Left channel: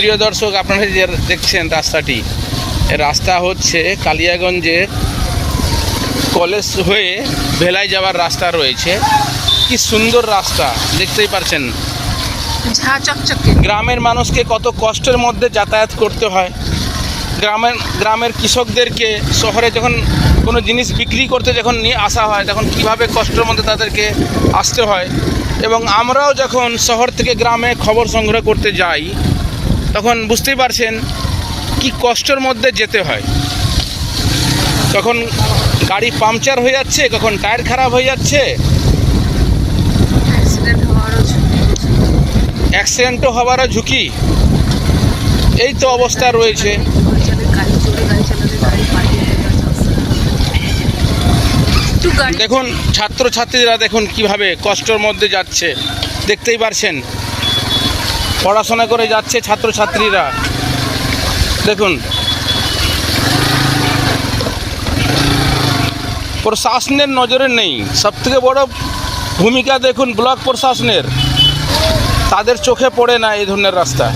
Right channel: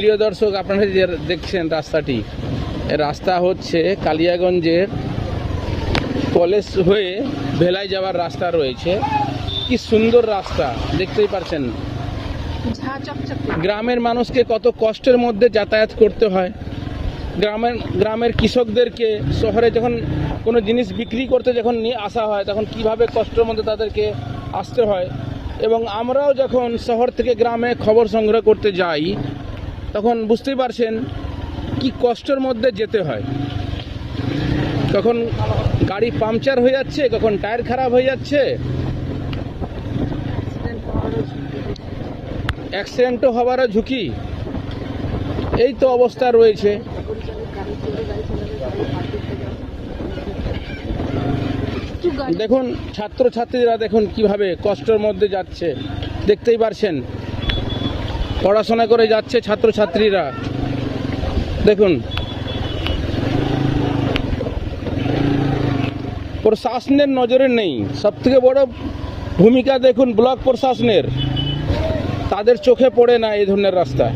প্রিয় দর্শক, আপনারা যে দেখছেন রাস্তাটি, রাস্তা হচ্ছে কালিয়াগঞ্জের কলেজ হয়ে ভেলায় যাওয়ার রাস্তা রয়েছে। কি সুন্দর রাস্তা, দেখতেই পাচ্ছেন। ঝা চকচকে। গ্রামের মানুষকে কত কষ্টের মধ্যে যাতায়াত করতে হয়। গ্রামের কৃষকদেরকে শহরে যখন কোনো জিনিস বিক্রি করতে যখন নিয়ে আসা হয়, তখন কীভাবে কষ্টের মধ্যে তাদেরকে আসতে হয়। এবং আমরাও যখন শহর থেকে গ্রামে খবর সংগ্রহ করতে যাই, তখন বুঝতেই পারছেন কি কষ্টের মধ্যে যেতে হয়। তখন গাড়ি পাংচার হয়ে যাচ্ছে, কখন টায়ার খারাপ হয়ে যাচ্ছে, অ্যাক্সিডেন্টও হওয়ারও ঝুঁকি। এই তো অবস্থা রয়েছে। দেখুন ছাত্রছাত্রীরা দেখুন কিভাবে কষ্টের মধ্যে যাচ্ছে, দেখতেই পারছেন। পড়াশোনা করে যাচ্ছে ছাত্রছাত্রীরা, দেখুন। প্রশাসনের নজরে নেই। সবথেকে বড় ভূমিকা দেখুন ব্লক প্রশাসনের, তাদের চোখে পড়ে না এই ধরনের রাস্তা।